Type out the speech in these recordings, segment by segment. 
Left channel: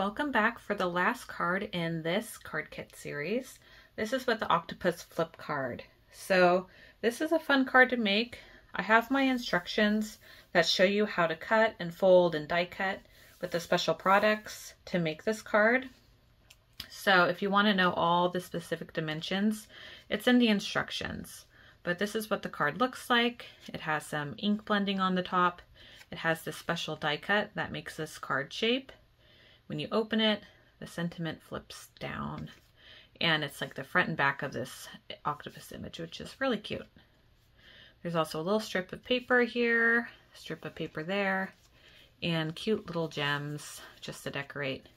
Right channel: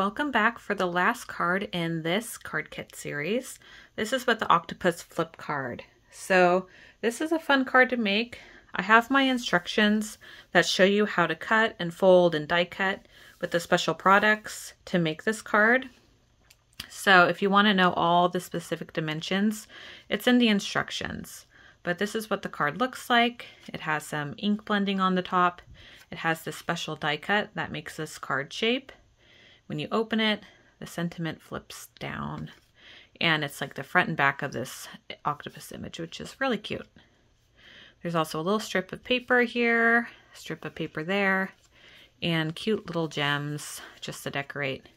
welcome back for the last card in this card kit series. This is with the Octopus Flip card. So this is a fun card to make. I have my instructions that show you how to cut and fold and die cut with the special products to make this card. So if you want to know all the specific dimensions, it's in the instructions. But this is what the card looks like. It has some ink blending on the top. It has this special die cut that makes this card shape. When you open it, the sentiment flips down. And it's like the front and back of this octopus image, which is really cute. There's also a little strip of paper here, strip of paper there, and cute little gems just to decorate.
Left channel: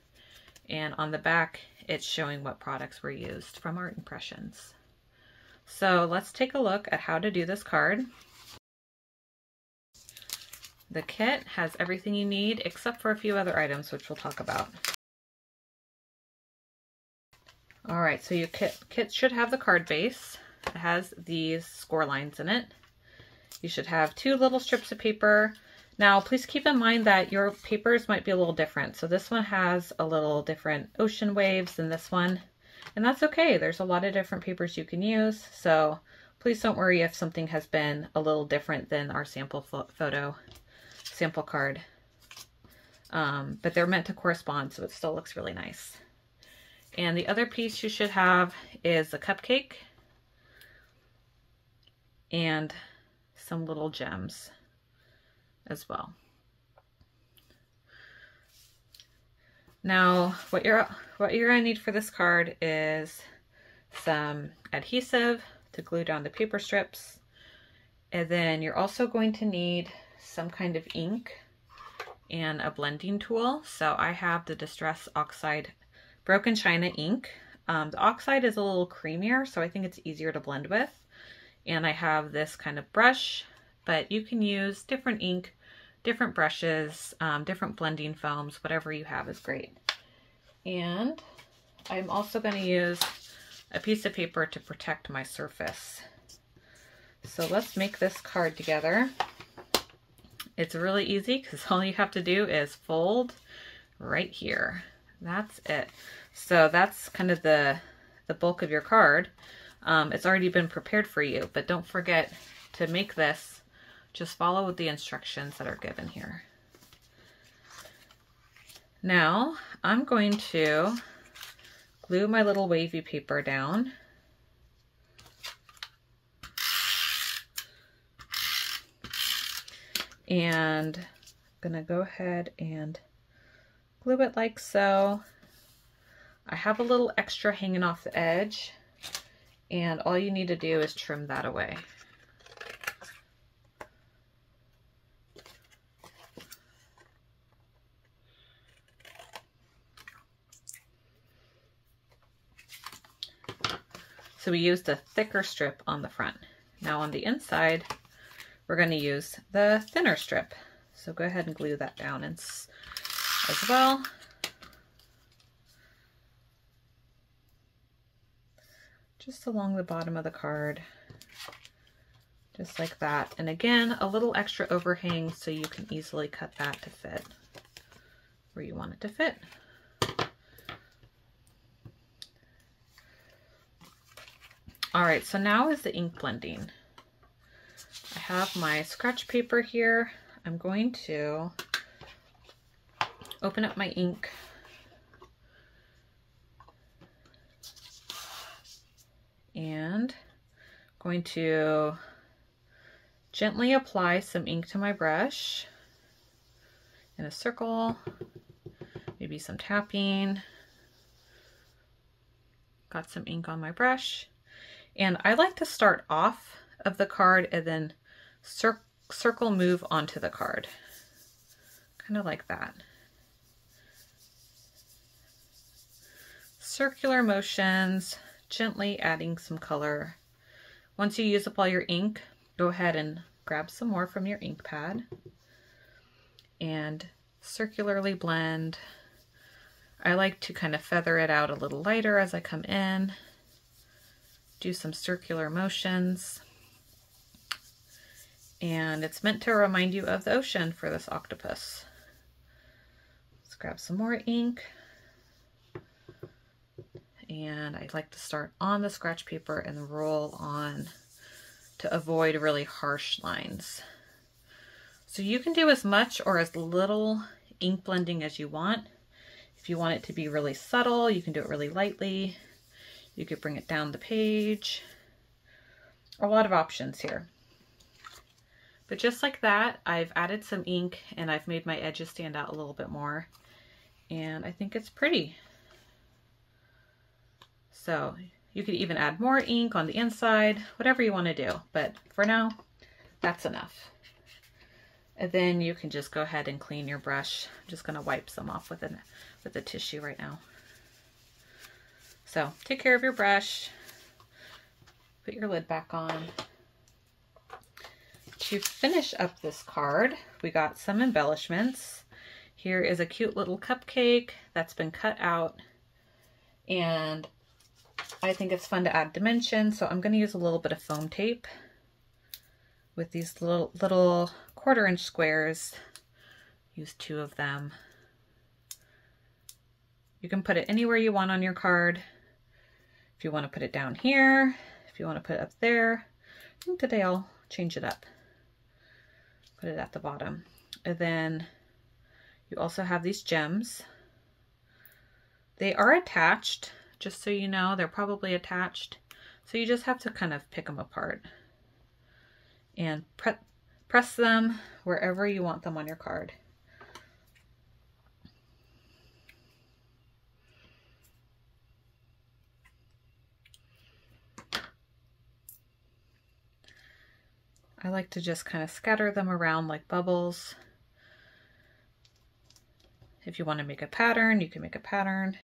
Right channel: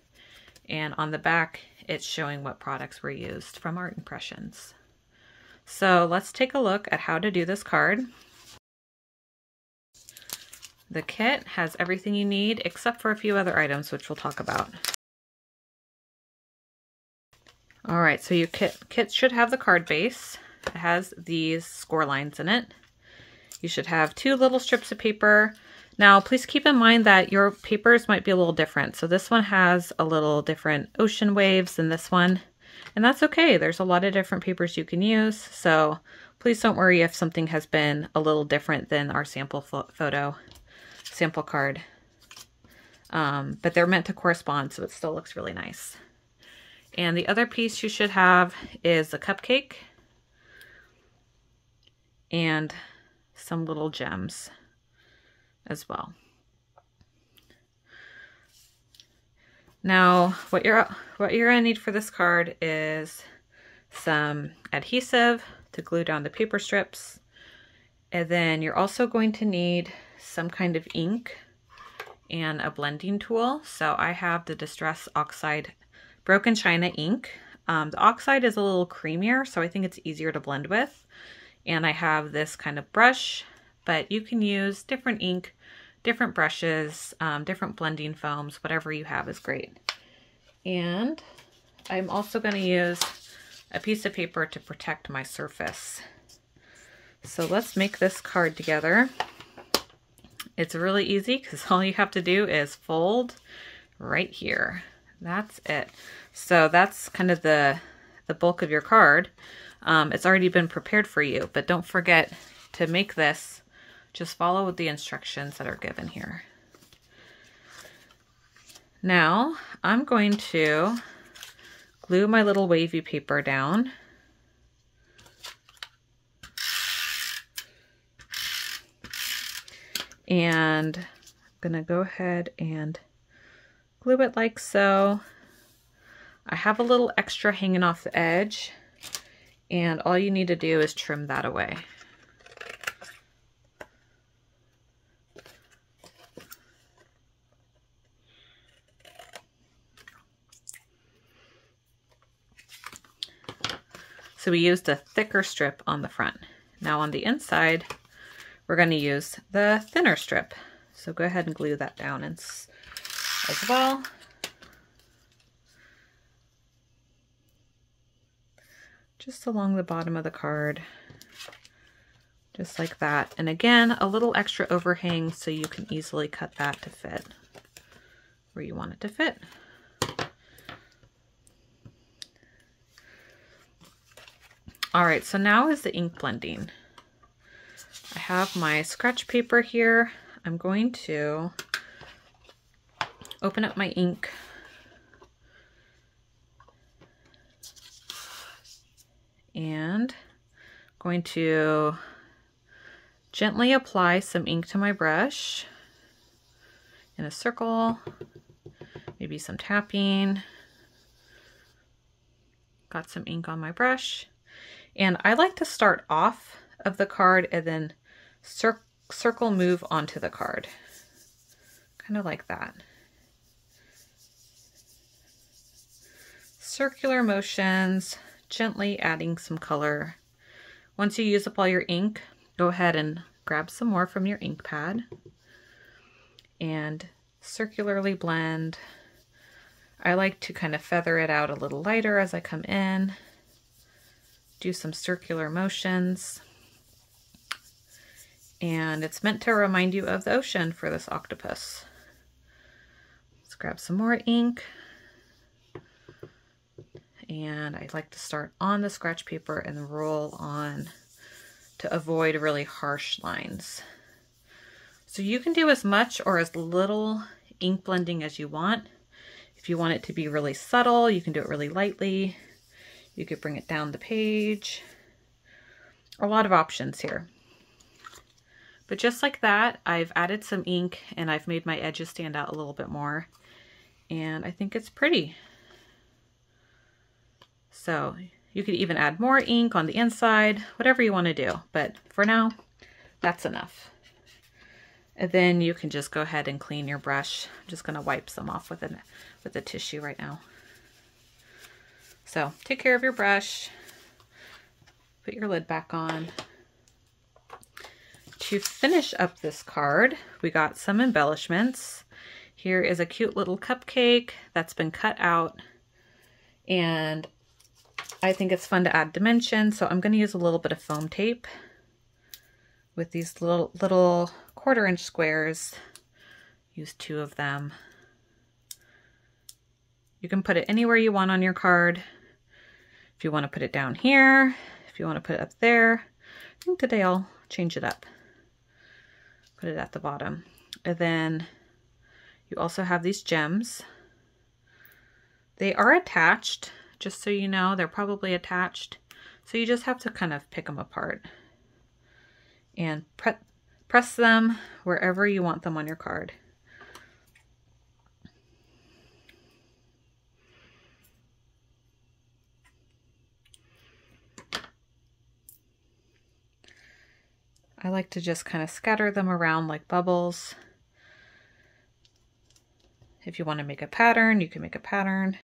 And on the back, it's showing what products were used from art impressions. So let's take a look at how to do this card. The kit has everything you need except for a few other items, which we'll talk about. All right, so your kit should have the card base. It has these score lines in it. You should have 2 little strips of paper. Now, please keep in mind that your papers might be a little different. So this one has a little different ocean waves than this one, and that's okay. There's a lot of different papers you can use, so please don't worry if something has been a little different than our sample card. But they're meant to correspond, so it still looks really nice. And the other piece you should have is a cupcake and some little gems as well. Now, what you're gonna need for this card is some adhesive to glue down the paper strips, and then you're also going to need some kind of ink and a blending tool. So I have the Distress Oxide Broken China ink. The Oxide is a little creamier, so I think it's easier to blend with. And I have this kind of brush, but you can use different ink, different brushes, different blending foams, whatever you have is great. And I'm also going to use a piece of paper to protect my surface. So let's make this card together. It's really easy because all you have to do is fold right here. That's it. So that's kind of the bulk of your card. It's already been prepared for you, but don't forget to make this. Just follow the instructions that are given here. Now I'm going to glue my little wavy paper down. And I'm gonna go ahead and glue it like so. I have a little extra hanging off the edge, and all you need to do is trim that away. So we used a thicker strip on the front. Now on the inside, we're going to use the thinner strip. So go ahead and glue that down as well. Just along the bottom of the card, just like that. And again, a little extra overhang so you can easily cut that to fit where you want it to fit. All right, so now is the ink blending. I have my scratch paper here. I'm going to open up my ink and going to gently apply some ink to my brush in a circle, maybe some tapping. Got some ink on my brush. And I like to start off of the card and then circle move onto the card. Kind of like that. Circular motions, gently adding some color. Once you use up all your ink, go ahead and grab some more from your ink pad and circularly blend. I like to kind of feather it out a little lighter as I come in. Do some circular motions. And it's meant to remind you of the ocean for this octopus. Let's grab some more ink. and I like to start on the scratch paper and roll on to avoid really harsh lines. So you can do as much or as little ink blending as you want. If you want it to be really subtle, you can do it really lightly. You could bring it down the page. A lot of options here. But just like that, I've added some ink and I've made my edges stand out a little bit more. And I think it's pretty. So you could even add more ink on the inside, whatever you want to do. But for now, that's enough. And then you can just go ahead and clean your brush. I'm just going to wipe some off with a tissue right now. So take care of your brush. Put your lid back on. To finish up this card, we got some embellishments. Here is a cute little cupcake that's been cut out, and I think it's fun to add dimension, so I'm going to use a little bit of foam tape with these little 1/4-inch squares. Use 2 of them. You can put it anywhere you want on your card. If you want to put it down here, if you want to put it up there. I think today I'll change it up. Put it at the bottom. And then you also have these gems. They are attached, just so you know, they're probably attached. So you just have to kind of pick them apart and press them wherever you want them on your card. I like to just kind of scatter them around like bubbles. If you want to make a pattern, you can make a pattern.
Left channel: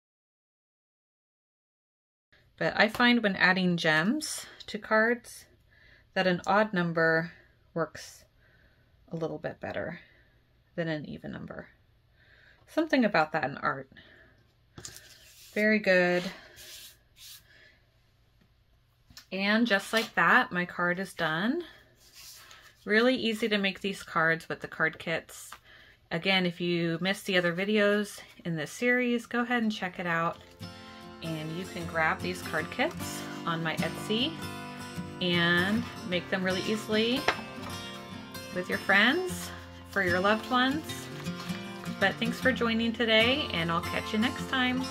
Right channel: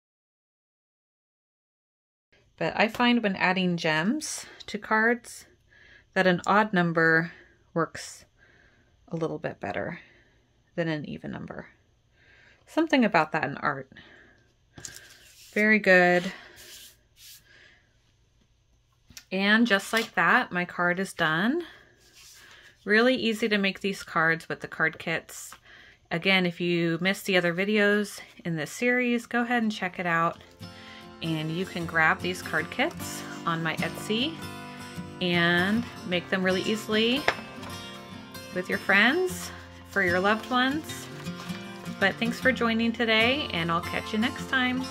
But I find when adding gems to cards that an odd number works a little bit better than an even number. Something about that in art. Very good. And just like that, my card is done. Really easy to make these cards with the card kits. Again, if you missed the other videos in this series, go ahead and check it out. And you can grab these card kits on my Etsy and make them really easily with your friends, for your loved ones. But thanks for joining today, and I'll catch you next time.